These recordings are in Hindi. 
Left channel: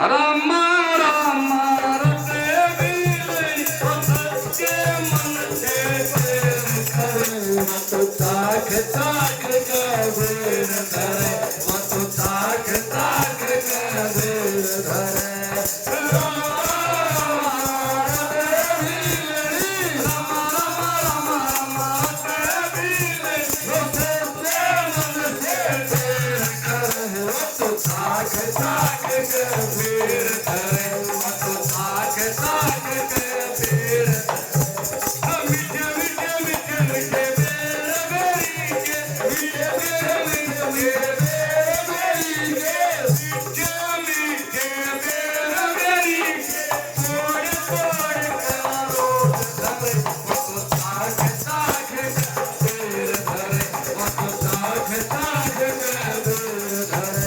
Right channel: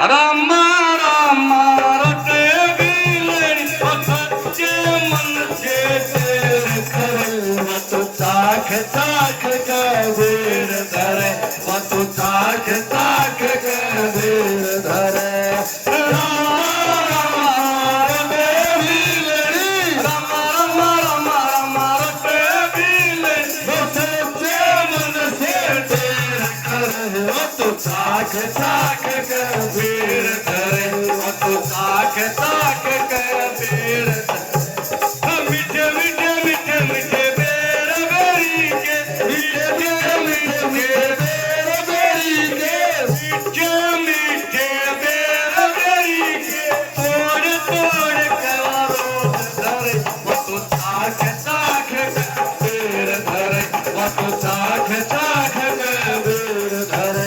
राम राम रटे बिलड़ी सच्चे मन से तेर करे तू ताक ताक कबीर धरे तू ताक ताक कबीर धरे ताक ताक कबीर धरे तू ताक ताक कबीर मीठे मीठे मीठे मीठे बेर बेरी के मीठे मीठे मीठे बेर बेरी के मीठे मीठे बेर बेरी के तोड़ तोड़ करो धरे तू ताक ताक कबीर धरे तू ताक ताक कबीर धरे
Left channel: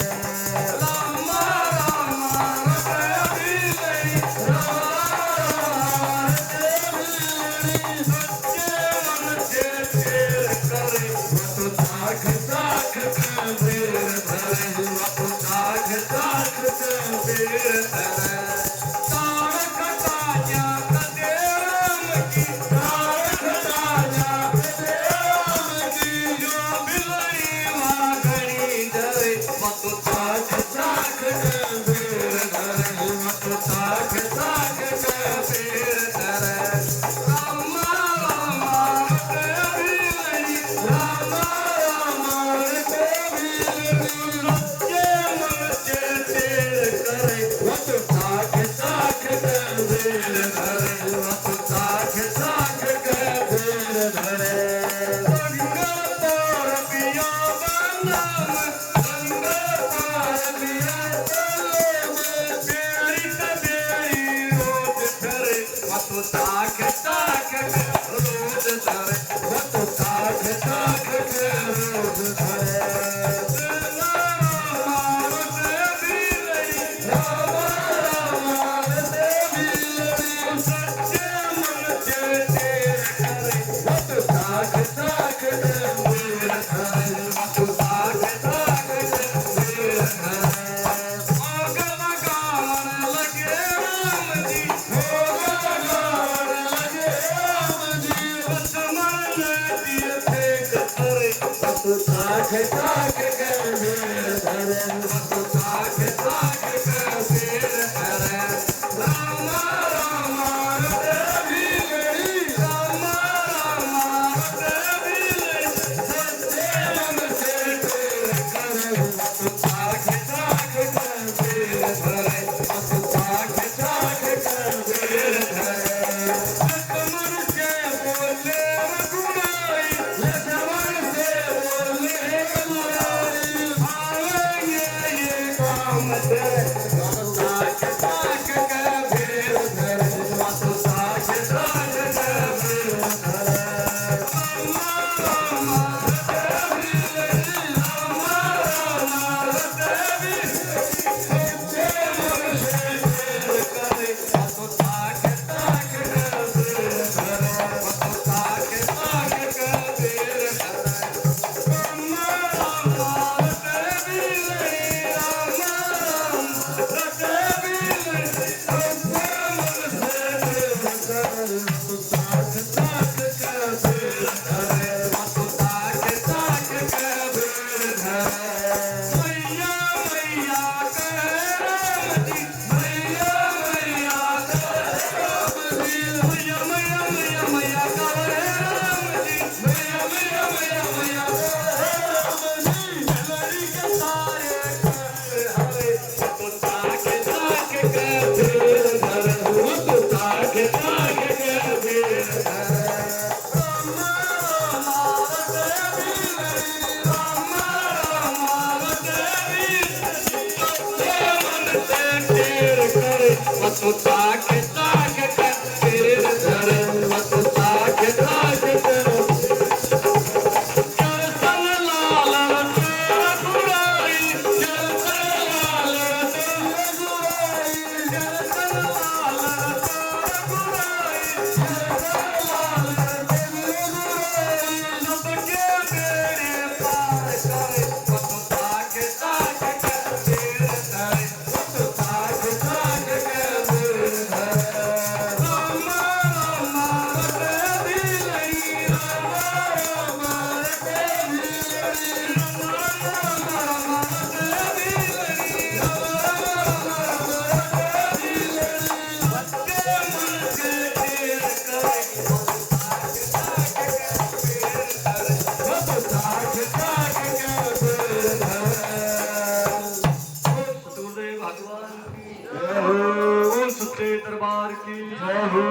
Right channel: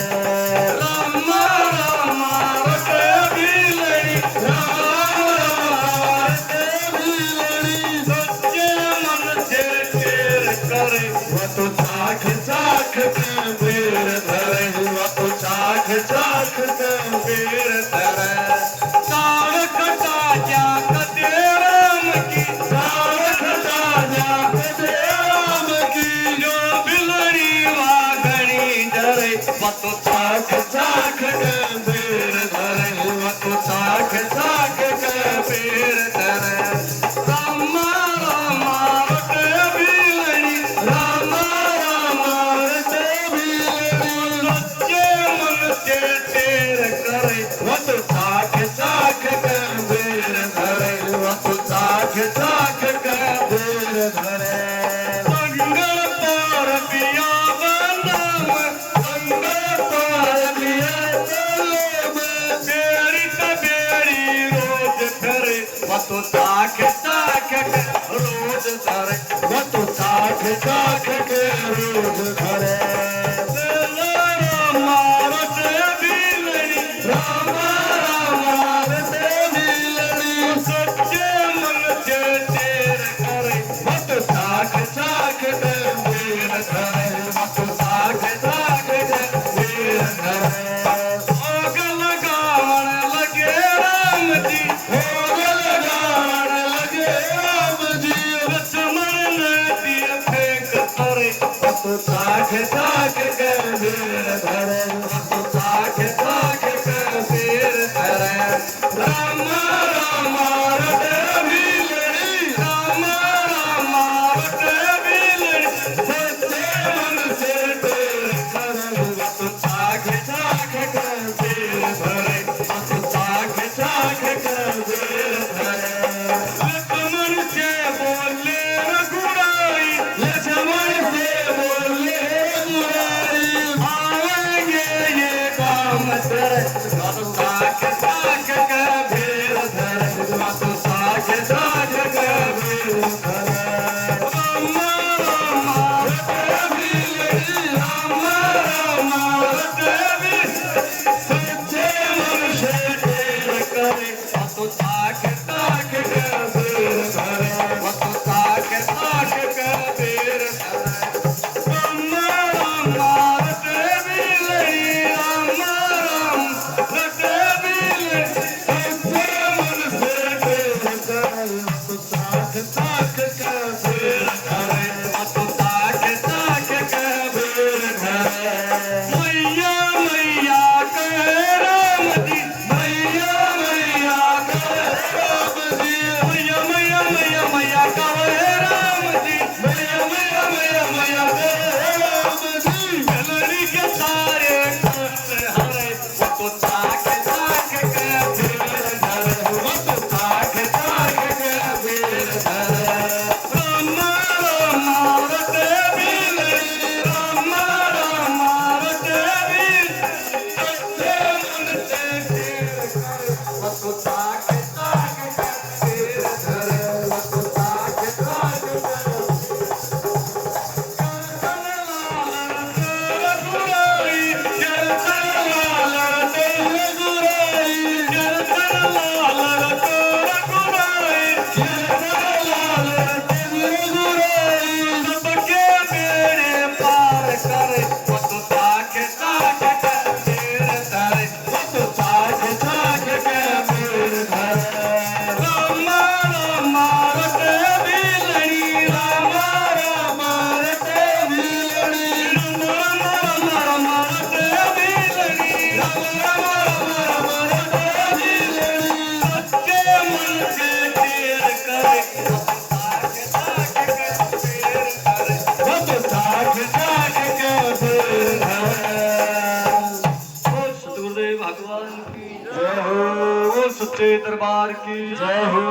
दरबार की जय हो